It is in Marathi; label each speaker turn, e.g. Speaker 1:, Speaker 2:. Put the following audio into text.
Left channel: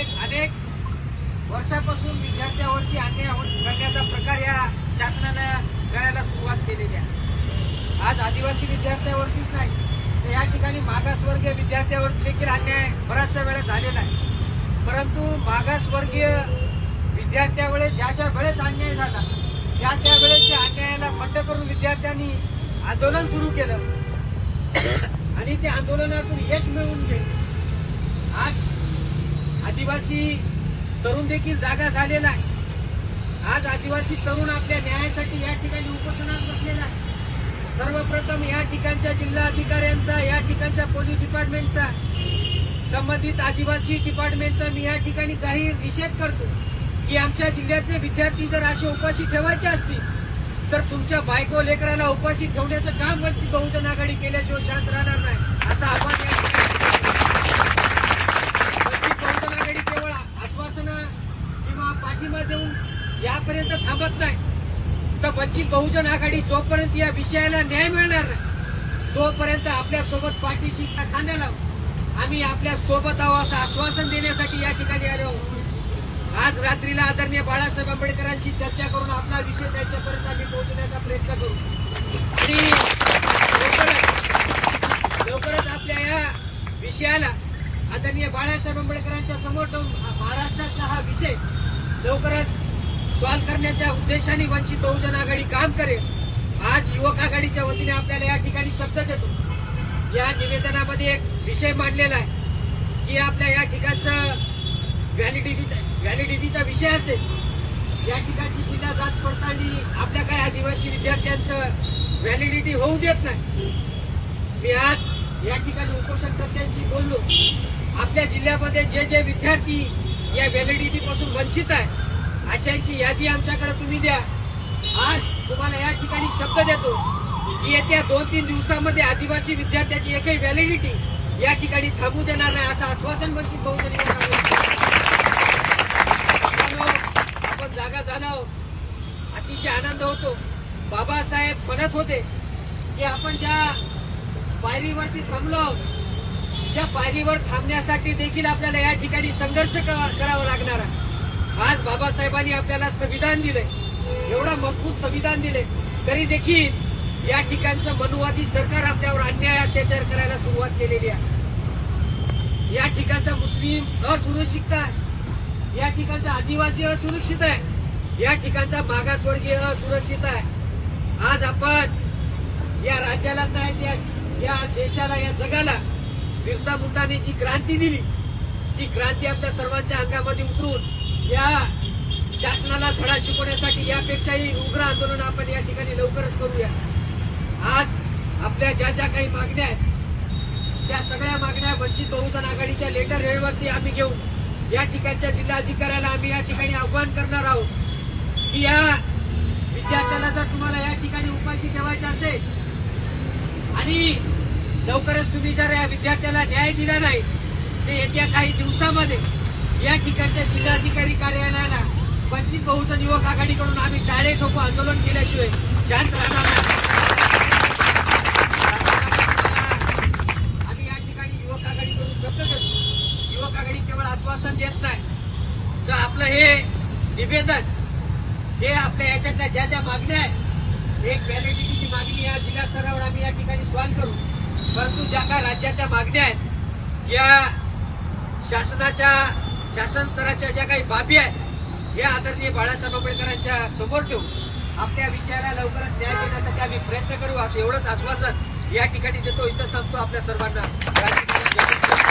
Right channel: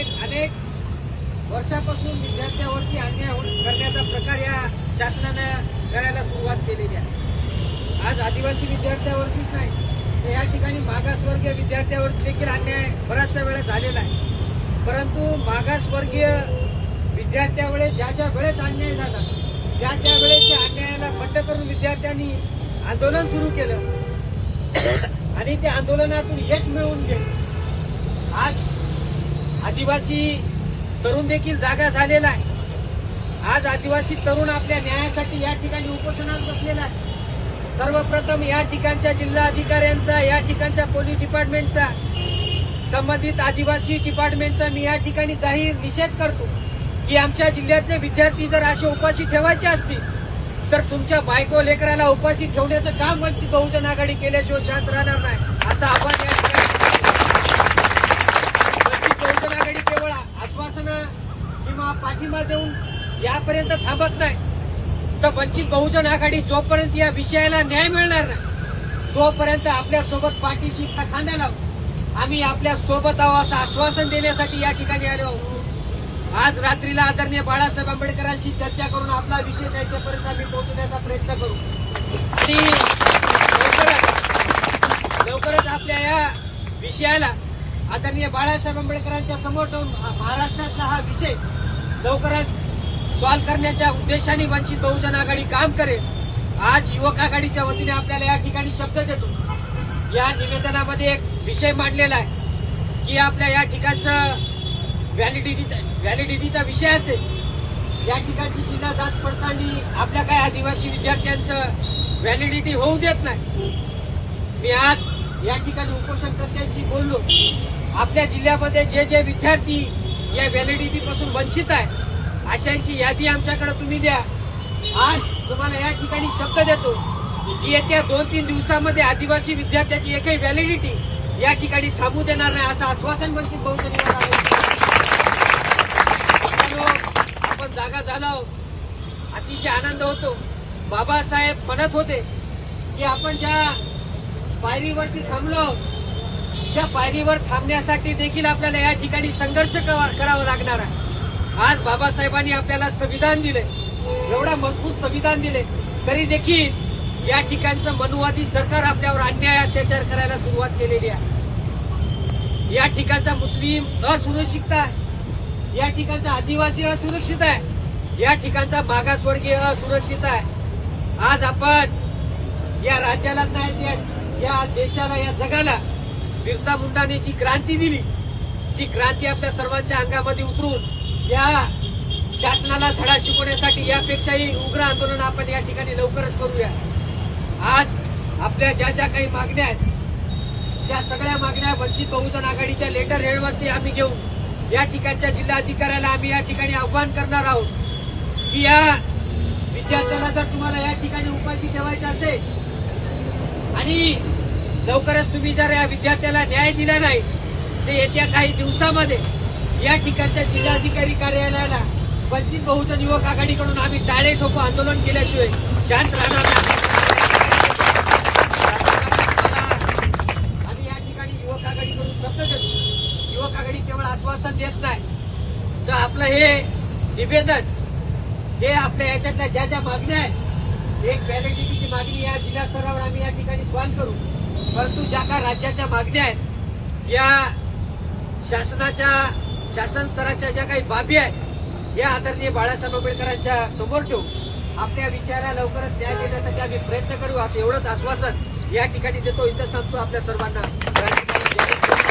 Speaker 1: अनेक अनेक वर्षापासून विद्यार्थ्यावरती अन्याय करण्याचा प्रकार या शासनानं करायला सुरुवात केलेली आहे. आज आदिवासी विद्यार्थ्यावरतीच नाही तर या ठिकाणी मागासवर्गीय विद्यार्थ्यावर देखील अन्याय बऱ्याचशा वेळा झालेला आहे. परंतु मागासवर्गीय विद्यार्थ्यावेळेस ज्या ज्या वेळेस अन्याय झाला त्या त्यावेळेस त्या अन्यायाला बंड करून विद्यार्थ्यांनी आंदोलन सुरू केलं. आणि त्या आंदोलनातून यश मिळवून गेले आज आदिवासी तरुण देखील जागा झालेला आहे. आज आदिवासी तरुण आपल्या न्यायासाठी या ठिकाणी उपोषणात बसलेला आहे. सर्वप्रथम या ठिकाणच्या जिल्हा अधिकाऱ्यांचा या ठिकाणच्या पोलीस डिपार्टमेंटचा संबंधित आदिवासी डिपार्टमेंटचा मी या ठिकाणी जाहीर निषेध करतो की आमच्या जिल्ह्यातले विद्यार्थी जर असे उपाशी ठेवायचे असतील तर तुमच्या बायको लेकराला उपाशी ठेवण्याचं काम वंचित बहुजन आघाडी केल्याशिवाय शांत राहणार नाही असं आव्हान या ठिकाणी वंचित बहुजन आघाडी केवळ आश्वासनं किंवा पाठिंबा देऊन यापर्यंत थांबत नाही. तर वंचित बहुजन आघाडी जोपर्यंत या विषयाला न्याय मिळणार नाही तोपर्यंत आपल्यासोबत पाठीशी खांद्या लावू? आम्ही आपल्यासोबत आहोत असं आश्वासन देण्यासाठी या ठिकाणी आलो आहोत. आज रात्रीला आदरणीय बाळासाहेब आंबेडकरांशी चर्चा करून आपला विषय त्यांच्यापर्यंत आम्ही पोहोचण्याचा प्रयत्न करू. आणि लवकरच आपल्या या विषयाला आदरणीय बाळासाहेब आंबेडकरांच्या समोर ठेवून महाराष्ट्राचा हा विषय लवकरच सॉल्व्ह करण्याच्या उद्देशाने वंचित बहुजन आघाडी काम करेल. आज युवक आघाडीच्या वतीने आपल्याला या ठिकाणी शब्द देतो. या निवेदनामध्ये एक विषय मांडलेला आहे की आपल्या या ठिकाणचं व्हॅलिडिटीचा व्हॅलिडिटीचा विषय असेल. या ठिकाणची जिल्हा जात पडताळणी आपल्या काही आदिवासी विद्यार्थ्यांचं व्हॅलिडिटी होऊ देत नाही. मी आज या ठिकाणी उपोषणकर्त्यांशी बोललो. आपल्या जिल्ह्यामध्ये जे जे विद्यार्थी या व्हॅलिडिटी पासून वंचित आहे अशांची यादी आमच्याकडे तुम्ही द्या. आज तुम्हाला या ठिकाणी शब्द देतो की येत्या दोन तीन दिवसामध्ये आदिवासी विद्यार्थ्याची एकही व्हॅलिडिटी या ठिकाणी थांबू देणार नाही असं आश्वासन वंचित बहुजन आपण जागा झालो अतिशय आनंद होतो. बाबासाहेब म्हणत होते की आपण ज्या पायरीवरती थांबलो त्या पायरीवर थांबण्यासाठी देखील आपल्याला या ठिकाणी संघर्ष करावा लागणार आहे. आज बाबासाहेबांनी आपल्याला संविधान दिले एवढं मजबूत संविधान दिले तरी देखील या ठिकाणचं मनुवादी सरकार आपल्यावर अन्याय अत्याचार करायला सुरुवात केलेली आहे. या ठिकाणचा मुस्लिम असुरक्षित आहे. या ठिकाणचा आदिवासी असुरक्षित आहे. या ठिकाणचा मागासवर्गीय असुरक्षित आहे. आज आपण या राज्याला नाही या देशाला या जगाला बिरसा मुंडाने जी क्रांती दिली. ती क्रांती आपल्या सर्वांच्या अंगामध्ये उतरून या शासनाला धडा शिकवण्यासाठी यापेक्षाही उग्र आंदोलन आपण या ठिकाणी लवकरच करूया. आज आपल्या ज्या ज्या काही मागण्या आहेत त्या सगळ्या मागण्या वंचित बहुजन आघाडीच्या लेटर हेडवरती आम्ही घेऊन या ठिकाणच्या जिल्हाधिकाऱ्याला आम्ही या ठिकाणी आव्हान करणार आहोत की या विद्यार्थ्याला जर तुम्हाला या ठिकाणी उपाशी ठेवायचं असेल आणि लवकरच तुम्ही जर या विद्यार्थ्याला न्याय दिला नाही तर येत्या काही दिवसामध्ये या ठिकाणच्या जिल्हाधिकारी कार्यालयाला वंचित बहुजन युवक आघाडीकडून आम्ही टाळे ठोको आंदोलन केल्याशिवाय शांत राहणार नाही. आम्ही या ठिकाणी युवक आघाडीकडून शब्द देतो. युवक आघाडी केवळ आश्वासन देत नाही. तर आपलं हे निवेदन हे आपल्या याच्यातल्या ज्या ज्या मागण्या आहेत एक व्हॅलिडिटीची मागणी या जिल्हा स्तरावर आम्ही या ठिकाणी सॉल्व्ह करू. परंतु ज्या काही राज्याच्या मागण्या आहेत या शासनाच्या शासन स्तराच्या ज्या काही बाबी आहेत या आदरणीय बाळासाहेब आंबेडकरांच्या समोर ठेवून आपल्या विषयाला लवकरच न्याय देण्यासाठी आम्ही प्रयत्न करू असं एवढंच आश्वासन या ठिकाणी देतो. इथंच थांबतो आपल्या सर्वांना. या